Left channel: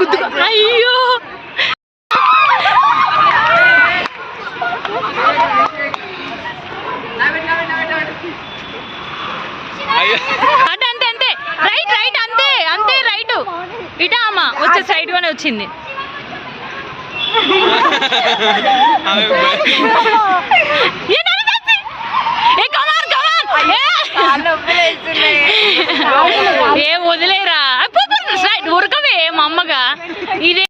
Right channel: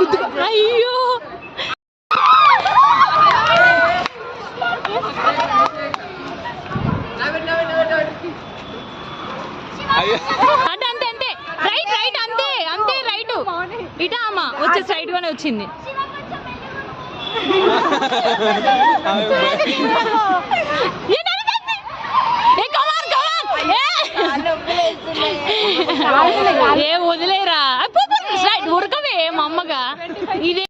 గుద్దుకో. అయ్యో అంటే అంతే అంతే రైట్ రైట్ అంతే అంతే రైట్ ఇటా అమ్మ వచ్చే సైడ్ గానే వచ్చింది. ఏ వదిలేరా ఉరకవే మా అమ్మగా ఇదే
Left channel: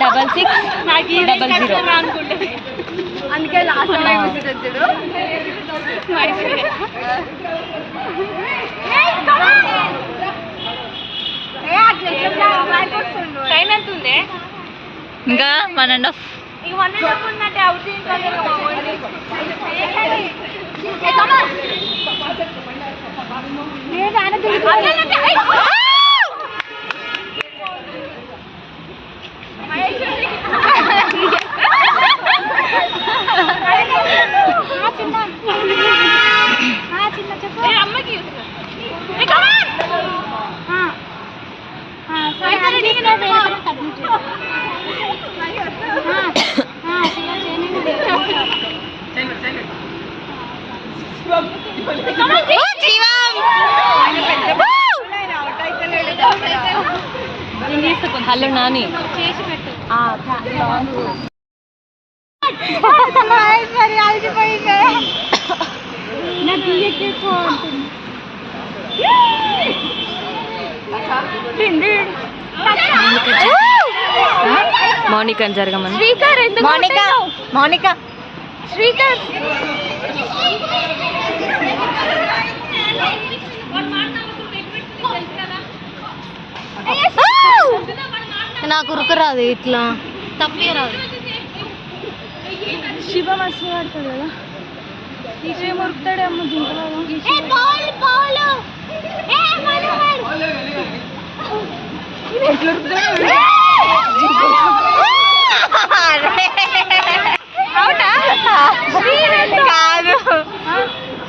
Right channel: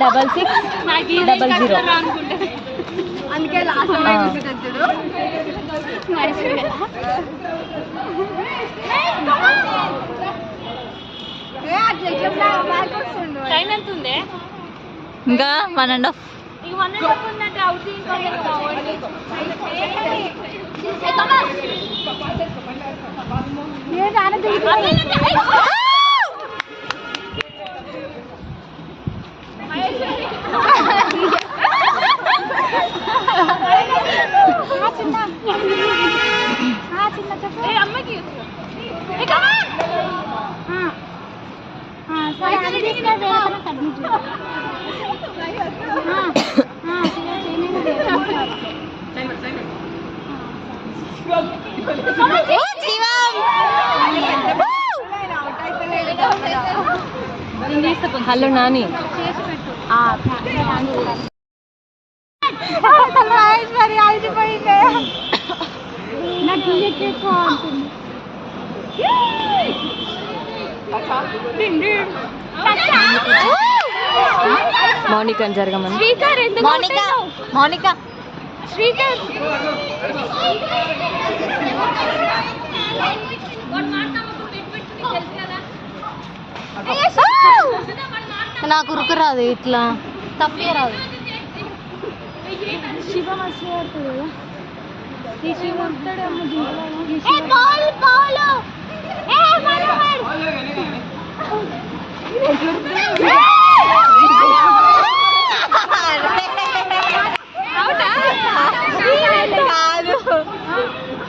డబల్ 600 అందుకే లాస్ట్ టైం ఎంత ఉంది? ఇంకా 1.5 ఉన్నట్టే అవుట్ హలో నాని మౌనిక అని జరగమని. మౌనిక శ్రీకర్ నాకు ఉరుకు రాదు ఇట్లా తప్పే రాదు. శివ మస్తు ఆడుతాడు కదా ఉరుకుతాడేమో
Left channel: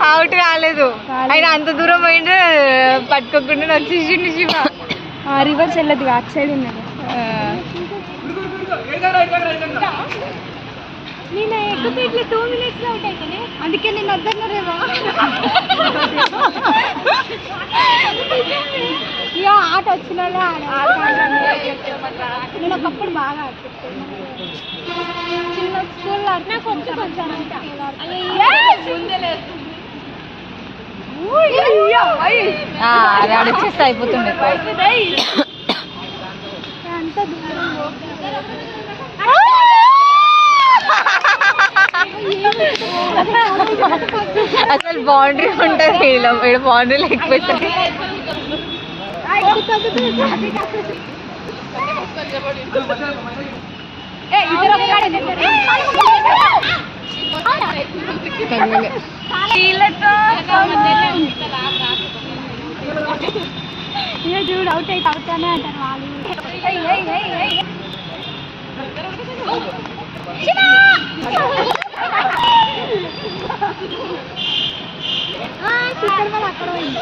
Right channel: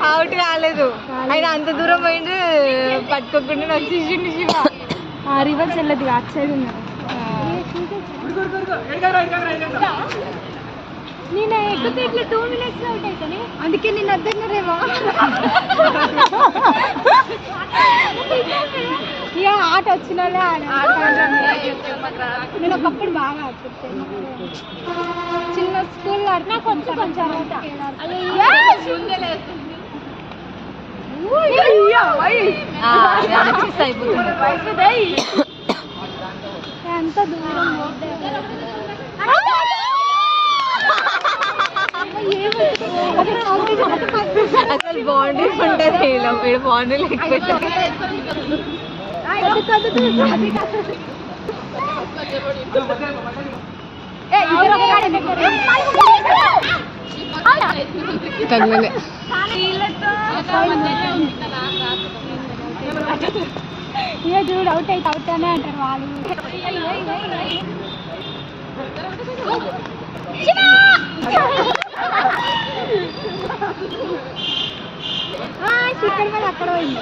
అవుట్ కాలేదు. ఆయన అంత దూరం పోయిండు పట్టుకోకుండా వచ్చేసిండు శివ. రివర్స్ వెళ్ళదు అటు సైడ్ ఉన్నారు. నేను ఎగ్గుతే ఇట్లా 2 minutes అవుట్ అవుతానే అందుకే నేను అద్దన్నారేమో. ఇక ఆట వచ్చిన నేను ఒకప్పుడు బాగా ఆడుకుంటాను. చిన్న స్కూల్లో ఆడినా కొంచెం వచ్చేస్తే అయిపోతుంది. అంత దూరం అసలు బౌండరీ ఉంటుంది ఇక్కడ బౌండరీ లేకపోతే తగ్గలే. ఇక చూడు అవుట్ అయితే అవుతానే అంటారు వాళ్ళు. చిక్కర్ మీద అక్కడ పోయింది.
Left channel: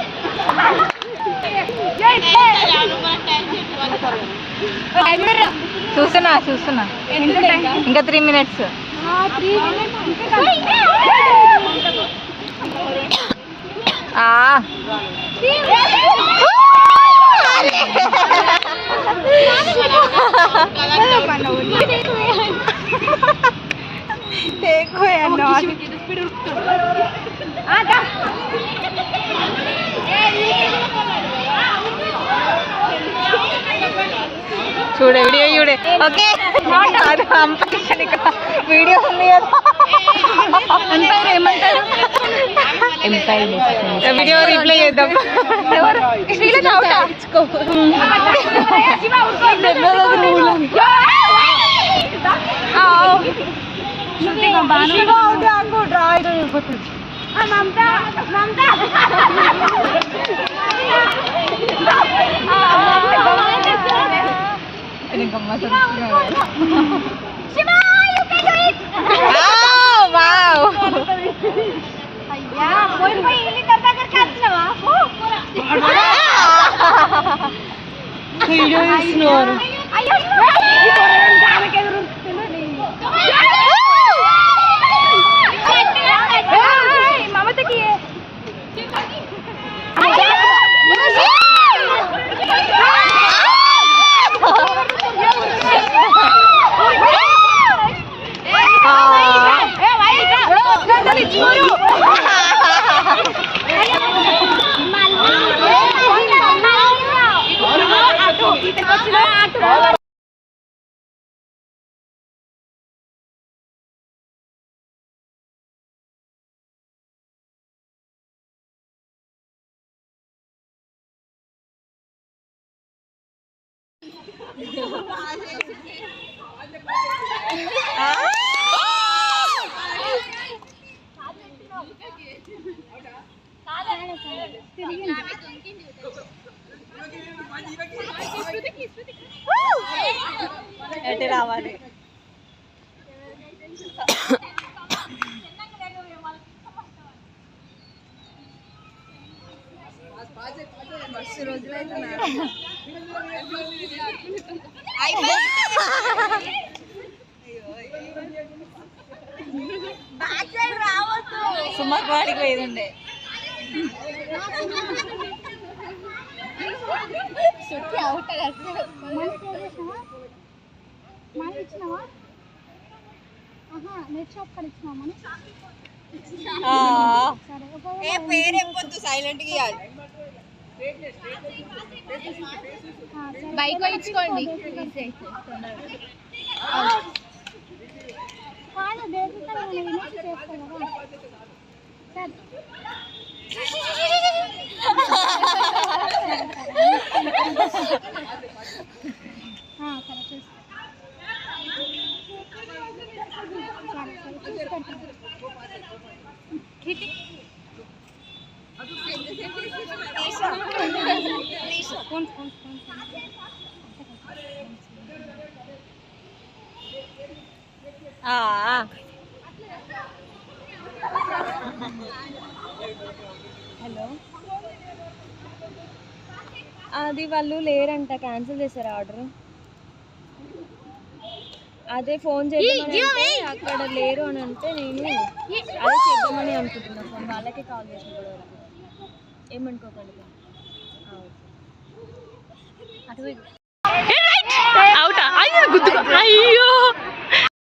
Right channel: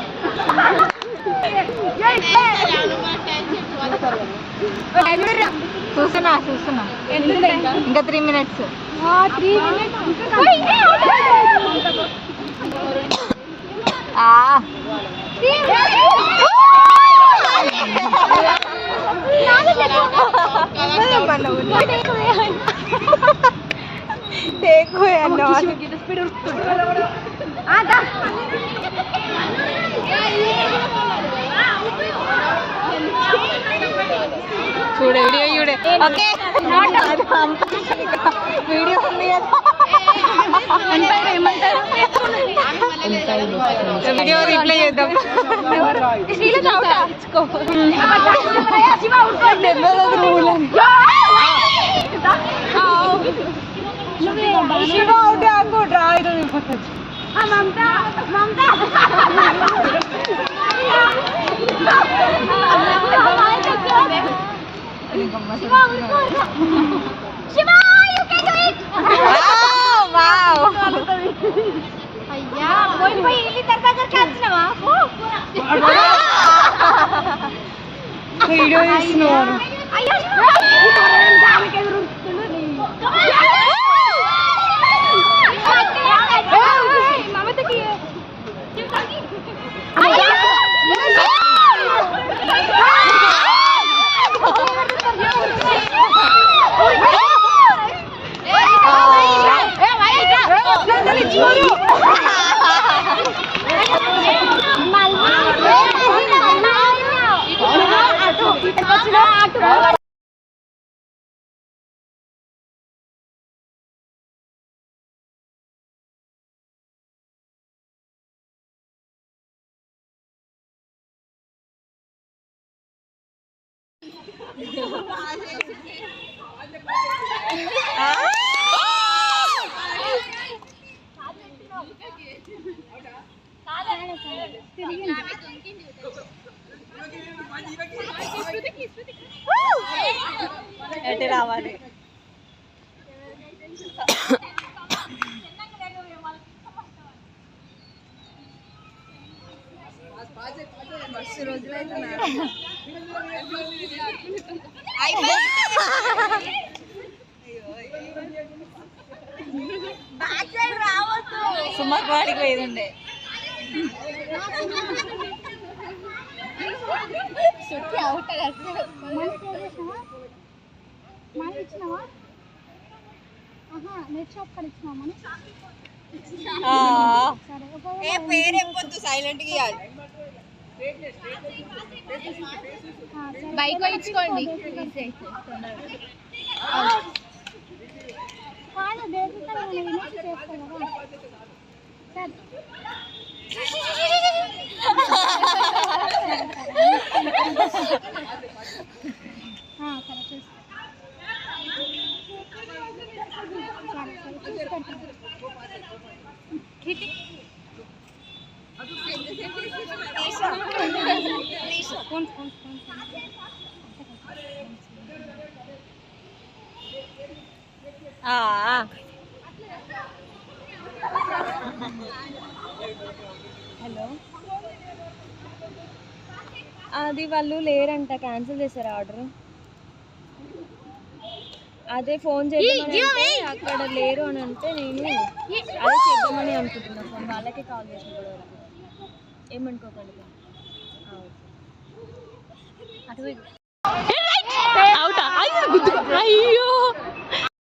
చూస్తున్నా ఇంకా 3 minutes. 3 minutes చూడే వీడియో చూడే. ఓకే అది కాంపిటీషన్ ఇక్కడ వీడియో ఉంది కదా. వీడియో రిప్లై చేద్దాం. తెచ్చుకో వీడియో తీస్తున్నారు మమతకి ఎటు రావాలి మస్తు రోజులైతే సుమక్ వాడికి పోయిండే మనీ ఇచ్చినావా నెట్ షాప్ కాడ ఇచ్చినావా మనీ సరే పేరు ఎప్పొద్దు సైలెంట్ గా ఇవ్వాలి బైక్ ఇచ్చుకోండి కాదు బేసిక్ వినేసి చేస్తాను కదా సరే సరే హలో అది వాళ్ళు లేరంట క్యాన్సిల్ చేశారు ఆర్డర్ అదే ఫోన్ చేద్దామని అక్కడ లేరు అని అంటే నేను అదే చేద్దామని అనుకుంటున్నా ఫోన్ వాళ్ళకే కాల్ చేసిన ఏమనుకోకండి అవుటా అయ్యో గుద్దు అయ్యో